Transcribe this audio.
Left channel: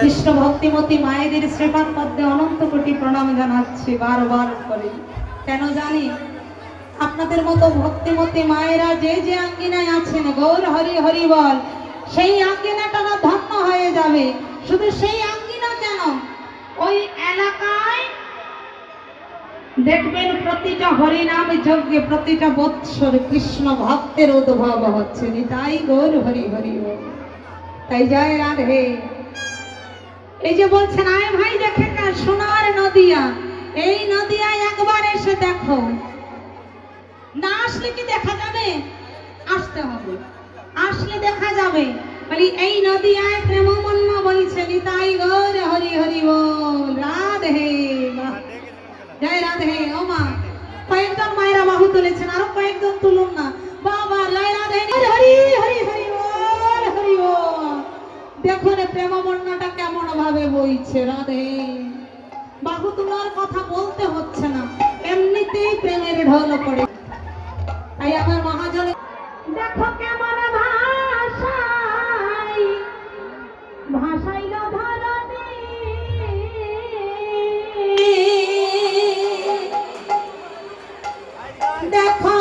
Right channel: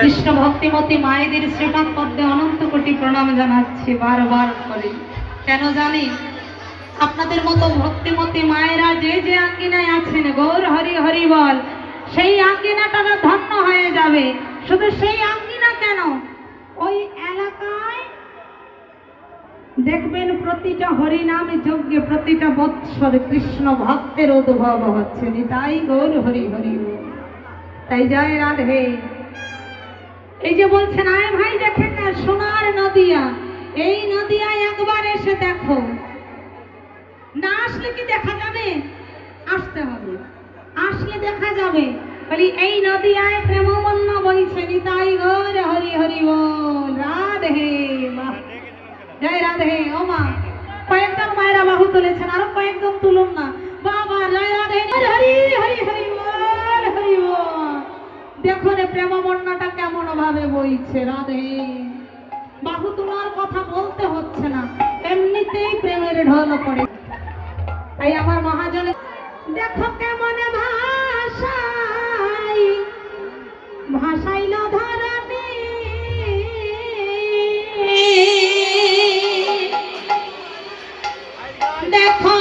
কৃষ্ণ ভক্তিমতী মায়েদের শ্রীপাদ পদ্মে অনন্ত কোটি প্রণাম জানাচ্ছি বারবার করে। কেন জানি আপনাদের মতো ভক্তিমতী মায়েরা যে যে আঙ্গিনায় আছেন, গৌর হরি হরি বল, সেই আঙ্গিনাটা ধন্য হয়ে যাবে। শুধু সেই আঙ্গিনা কেন, ওই এলাকায় দেখবেন প্রতিটা হরিনাম যজ্ঞে প্রতিটা বৎসর কৃষ্ণ ভক্তের উদ্ভব হচ্ছে। তাই গৌর হরি হরি বল। তাই জয় রাধে। এই যে বলছেন আয় ভাই দেখে না সোনার নদিয়া, এই নদিয়ায় একবার এসে দেখো। না আসলে কি দেখা যাবে? আসতে হবে, আসলে দেখা যাবে। বলি এই নদিয়ায় প্রেম বন্যা বইছে। নিতাই গৌর হরি হরি বল। রাধে বাহ, জয় রাধে। ও মা, কয়েকজন মায়েরা বাহু তুলেছেন, আরো কয়েকজন তুলুন না। বাবা জয় রাধে, হরি হরি হরি বল হরি বল। দেখো রে প্রেম বন্যাটা কেমন ভাবে বইছে। রাধে, বাহু তোলার কথা বলতে হচ্ছে না, এমনিতেই প্রেমের ঢল পড়ে। তাই আমার মহাজন দেখো কেমন ভাষাই ভাষাইল ধরণী। দেখো